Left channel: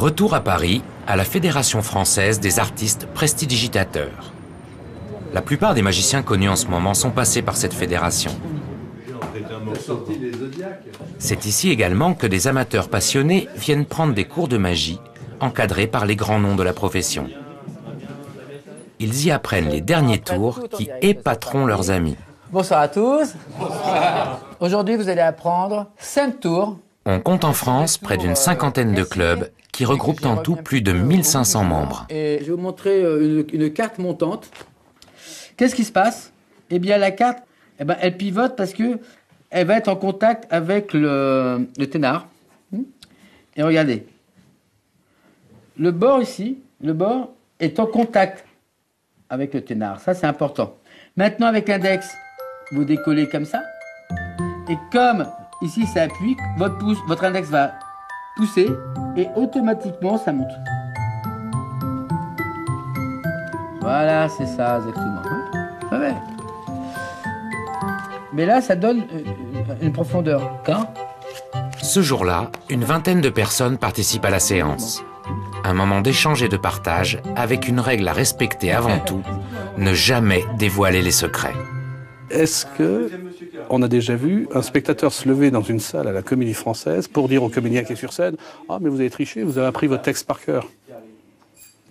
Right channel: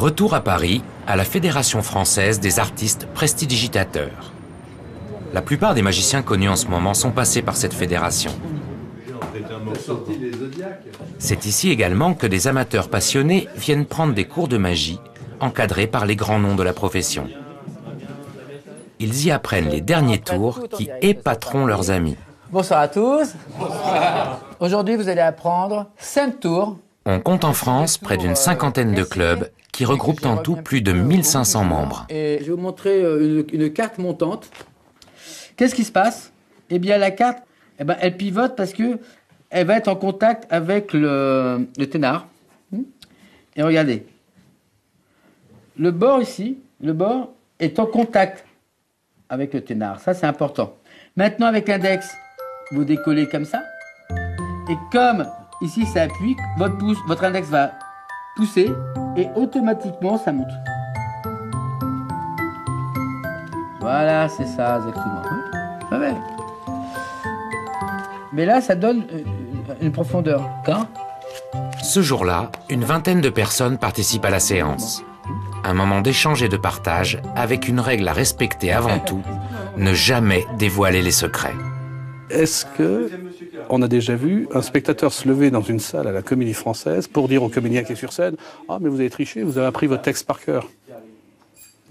Retour à Paris, à la Fédération française des artistes prestidigitateurs. La plupart des magiciens connus en ce moment sont passés par cette fédération. C'est ici également que des amateurs passionnés viennent prendre des cours de magie, encadrés par les grands noms de la profession. Ils y apprennent les derniers tours qui épateront leurs amis. Bonsoir à tous. Aujourd'hui, vous allez apprendre 5 tours. On compte en France près d'une cinquantaine de clubs qui regroupent en tout plus de 1500 membres. Et je vais vous montrer une carte montante. Qu'est-ce qui se passe? Eh bien, la carte, elle pivote parce que elle va être en contact avec le ténard. Et regardez. Le bord ici, le bord est en contact avec le ténard. Ça, c'est important. Maintenant, avec l'index, vous décollez comme ça. Et comme ici, ça appuie, votre index va pousser et automatiquement, ça monte. Voilà, c'est ça, exactement. Ouais. Mais là, ça donne une profondeur. Quand? Ce jour-là, une vingtaine de personnes participent à la séance. Un moment d'échange et de partage avec une règle à respecter avant tout, ne jamais dévoiler les secrets. Est-ce qu'on a déjà vu un spectateur se lever dans une salle à la Comédie Française pour dire au comédien qui est sur scène « Ah, mais vous avez triché, vous avez appris votre texte par cœur ».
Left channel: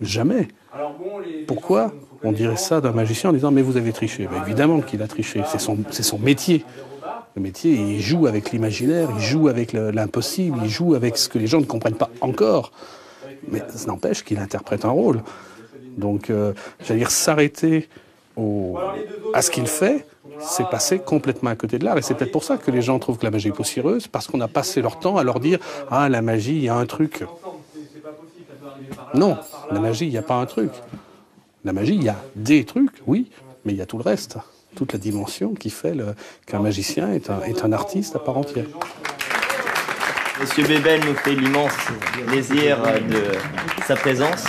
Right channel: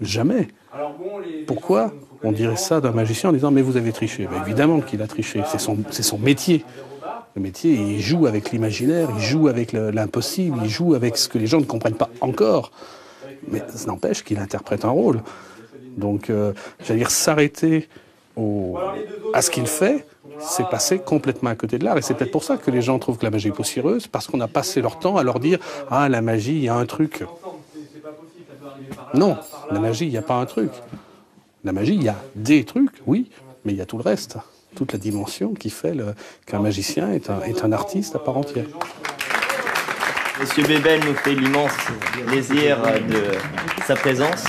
Jamais. Pourquoi on dirait ça d'un magicien en disant « Mais vous avez triché ». Évidemment qu'il a triché, c'est son métier. Le métier, il joue avec l'imaginaire, il joue avec l'impossible, il joue avec ce que les gens ne comprennent pas encore. Mais ça n'empêche qu'il interprète un rôle. Donc, j'allais dire, s'arrêter à ce qu'il fait, c'est passer complètement à côté de l'art. Et c'est peut-être pour ça que les gens trouvent que la magie est poussiéreuse, parce qu'on a passé leur temps à leur dire « Ah, la magie, il y a un truc ». Non, la magie, il n'y a pas un truc. La magie, il y a des trucs, oui, mais il y a tout le reste. Toute la dimension qui fait qu'un magicien est un artiste à part entière. Monsieur Bébel nous fait l'immense plaisir de sa présence.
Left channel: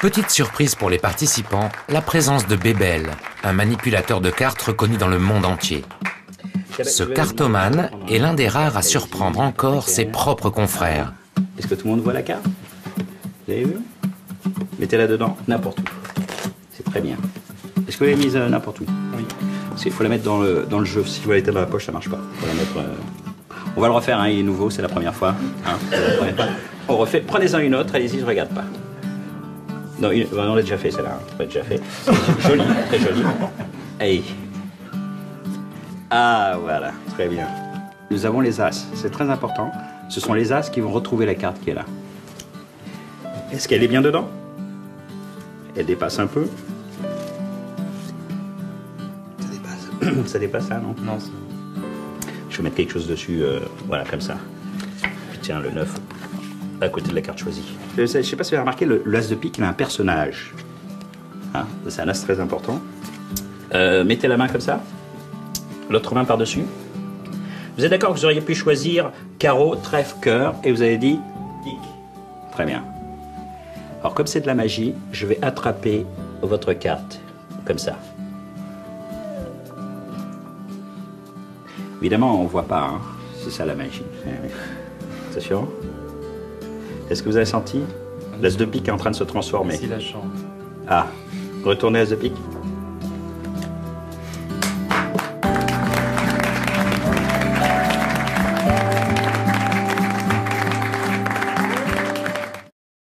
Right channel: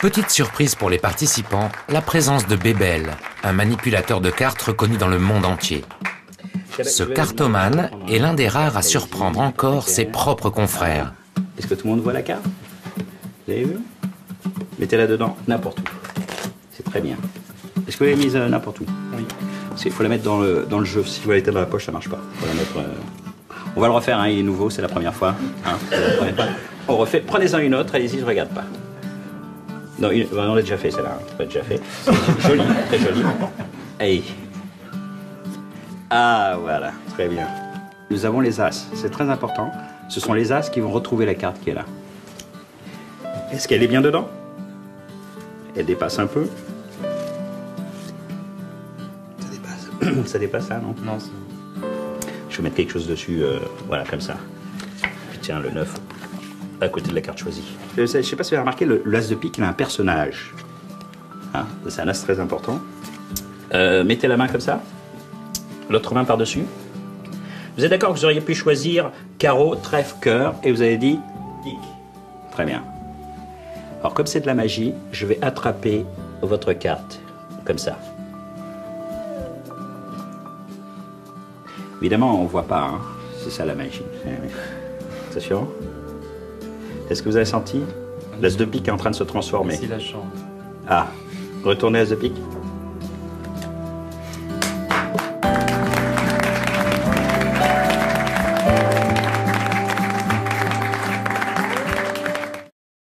Petite surprise pour les participants, la présence de Bébel, un manipulateur de cartes reconnu dans le monde entier. Ce cartomane est l'un des rares à surprendre encore ses propres confrères. Est-ce que tout le monde voit la carte? Vous avez vu? Mettez-la dedans, n'importe où. C'est très bien. Est-ce que vous l'avez mise n'importe où? Oui. Parce qu'il faut la mettre dans le jeu. Si vous la mettez dans la poche, ça marche pas. Faut la mettre, On va le refaire, hein, il est nouveau, c'est la première fois. Hein, on refait. Prenez-en une autre, allez-y, je regarde pas. Non, on l'a déjà fait, celle-là. On l'a déjà fait. Joli, très joli. Hey. Ah, voilà, très bien. Nous avons les As, c'est très important. Ce sont les As qui vont retrouver la carte qui est là. Est-ce qu'elle est bien dedans? Elle dépasse un peu. Ça dépasse. Ça dépasse ça, non? Non, je vais mettre quelque chose dessus, voilà, comme ça. Puis tiens, le 9, à côté de la carte choisie. Je ne sais pas si vous avez remarqué, le As de pique, il a un personnage. Ah, c'est un As très important. Mettez la main comme ça. L'autre main par-dessus. Vous êtes d'accord que vous auriez pu choisir carreau, trèfle, cœur, et vous avez dit pique. Très bien. Alors, comme c'est de la magie, je vais attraper votre carte, comme ça. Évidemment, on ne voit pas, hein. C'est ça la magie. C'est sûr? Est-ce que vous avez senti? L'As de pique est en train de se transformer. Si la chance. Ah, retournez As de pique.